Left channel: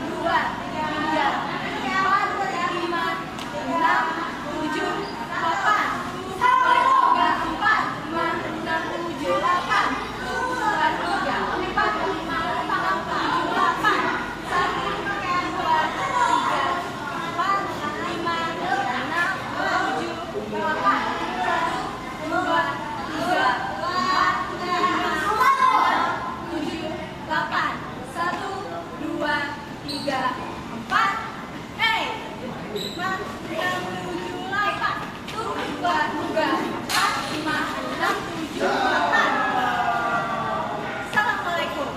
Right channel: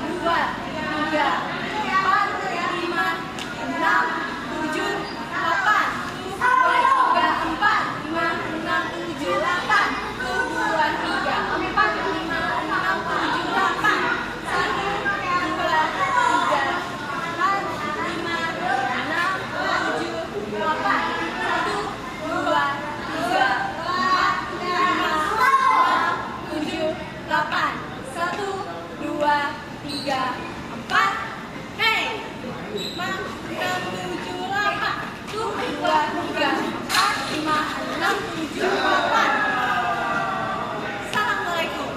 dua, tiga, empat, lima, enam, tujuh, delapan. Tiga, empat, lima, enam, tujuh, delapan. Dua, tiga, empat, lima, enam, tujuh, delapan. Satu, dua, tiga, empat, lima, enam, tujuh, delapan. Satu, dua, tiga, empat, lima, enam, tujuh, delapan. Satu, dua, tiga, empat. Hey, lima, enam, tujuh, delapan. Tuh, dua, tiga, empat, lima, enam, tujuh, delapan. Assalamualaikum.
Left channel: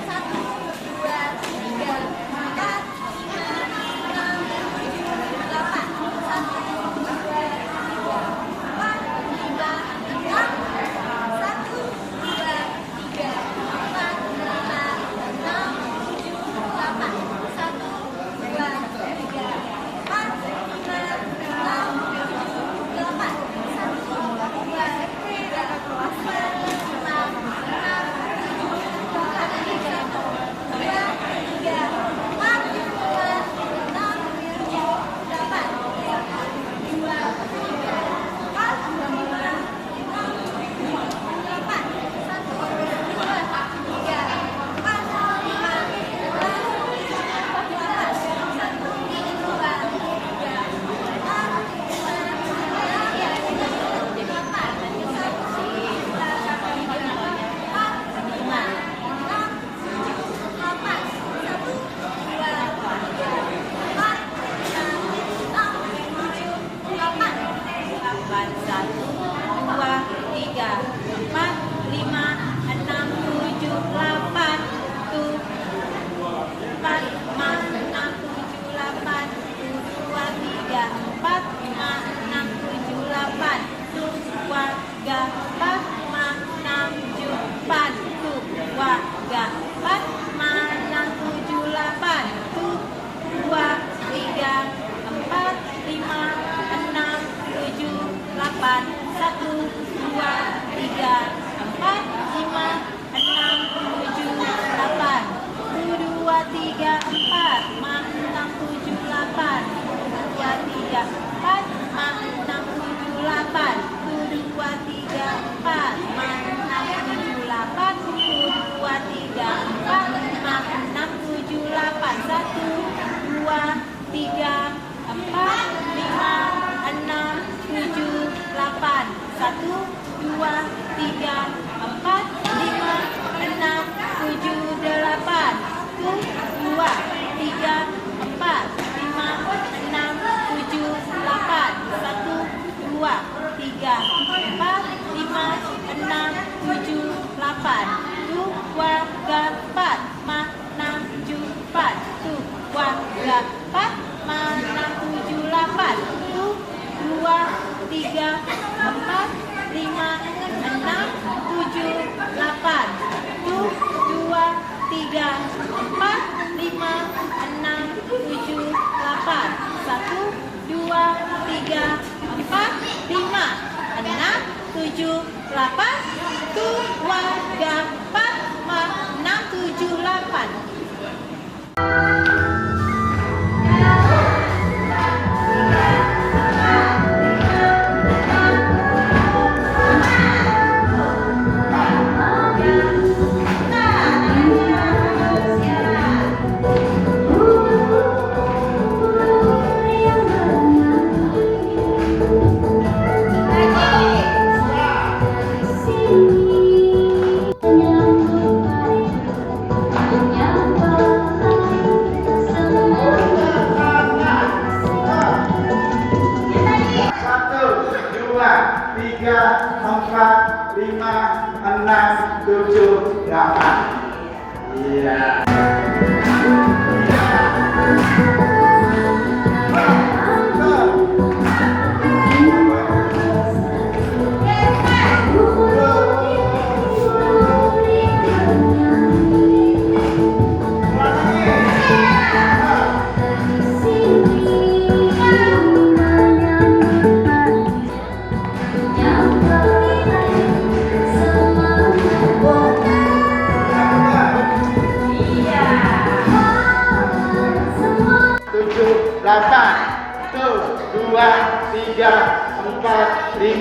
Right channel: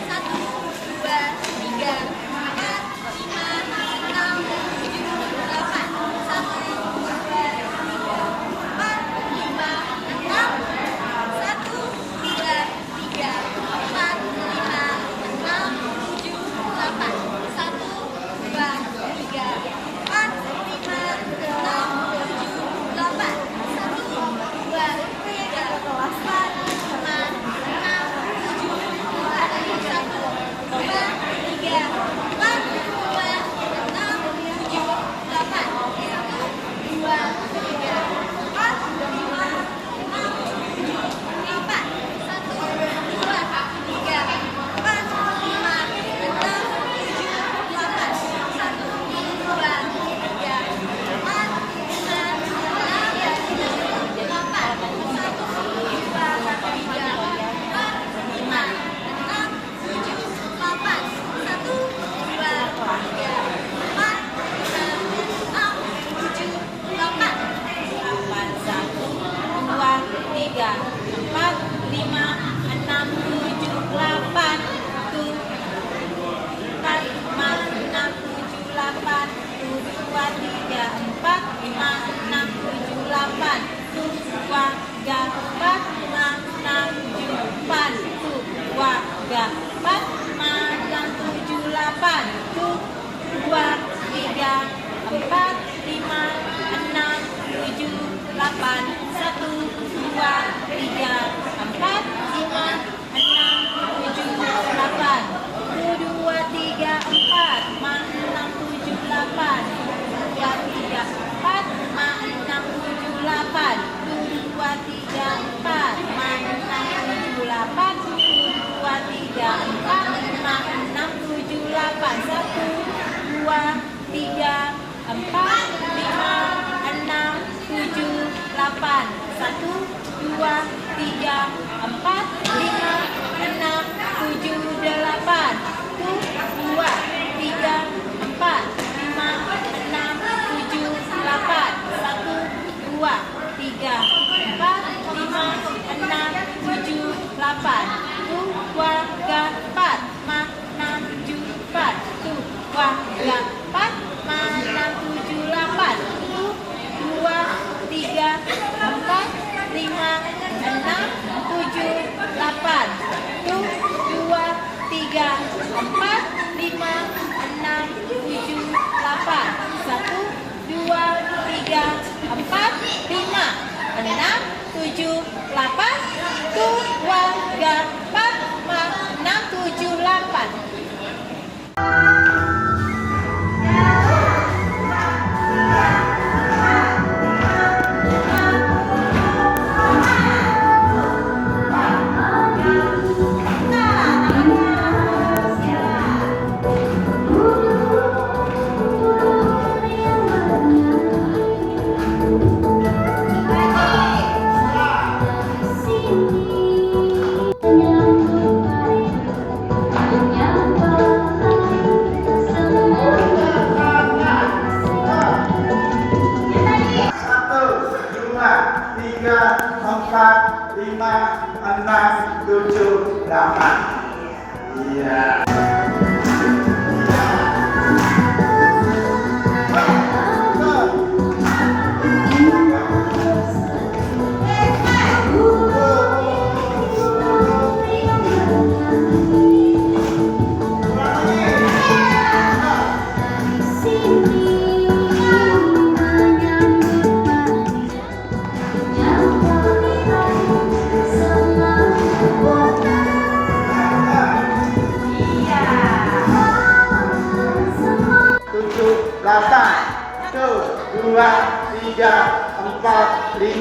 Satu, dua, tiga, empat, lima, enam, tujuh, delapan. Satu, dua, tiga, empat, lima, enam. Satu, dua, tiga, empat, lima, enam, tujuh, delapan. Satu, dua, tiga, empat, lima, enam, tujuh, delapan. Satu, dua, tiga, empat, lima, enam, tujuh, delapan. Satu, dua, tiga, empat, lima, enam, tujuh, delapan. Dua, tiga, empat, lima, enam, tujuh, delapan. Satu, dua, tiga, empat, lima, enam, tujuh, delapan. Satu, dua, tiga, empat, lima, enam, tujuh, delapan. Satu, dua, tiga, empat, lima, enam, tujuh, delapan. Satu, dua, tiga, empat, lima, enam, tujuh, delapan. Delapan, satu, dua, tiga, empat, lima, enam, tujuh, delapan. Tuh, empat, lima, enam, tujuh, delapan. Tuh, dua, tiga, empat, lima, enam, tujuh, delapan. Tuh, dua, tiga, empat, lima, enam, tujuh, delapan. Tuh, dua, tiga, empat, lima, enam, tujuh, delapan. Tuh, dua, tiga, empat, lima, enam, tujuh, delapan. Satu, dua, tiga, empat, lima, enam, tujuh, delapan. Tuh, dua, tiga, empat, lima, enam, tujuh, delapan. Dua, tiga, empat, lima, enam, tujuh, delapan. Tuh, dua, tiga, empat, lima, enam, tujuh, delapan. Tuh, dua, tiga, empat, lima, enam, tujuh, delapan. Satu, dua, tiga, empat, lima, enam, tujuh, delapan. Satu, dua, tiga, empat, lima, enam, tujuh, delapan. Tuh, dua, tiga, empat, lima, enam, tujuh, delapan. Satu, dua, tiga, empat, lima, enam, tujuh, delapan. Tuh, dua, tiga, empat, lima, enam, tujuh, delapan. Tuh, dua, tiga, empat, lima, enam, tujuh, delapan. Tuh, dua, tiga, empat, lima, enam, tujuh, delapan. Tuh, dua, tiga, empat, lima, enam, tujuh, delapan. Satu, dua, tiga, empat, lima, enam, tujuh, delapan. Tuh, dua, tiga, empat, lima, enam, tujuh, delapan. Yang 3, 4, 5,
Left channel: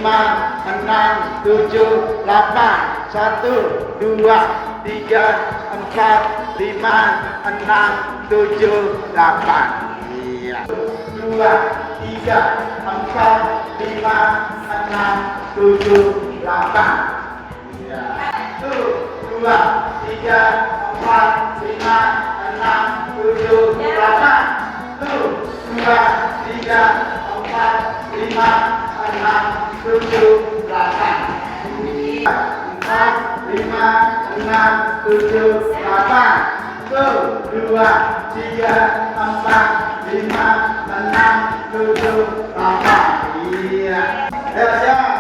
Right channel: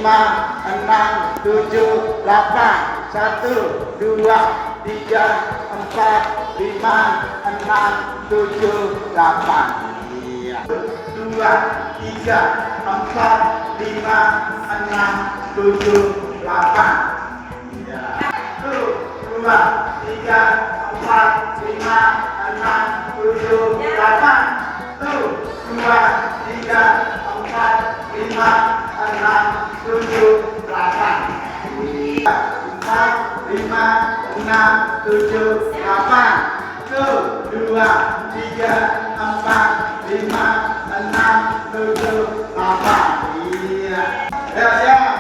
6, 7, 8. 1, 2, 3, 4, 5, 6, 7, 8. Iya. 2, 3, 4, 5, 6, 7, 8. Iya. 1, 2, 3, 4, 5, 6, 7, 8. 1, 2, 3, 4, 5, 6, 7, 8. 4, 5, 6, 7, 8. 1, 2, 3, 4, 5, 6, 7, 8. Iya. Ya, siap.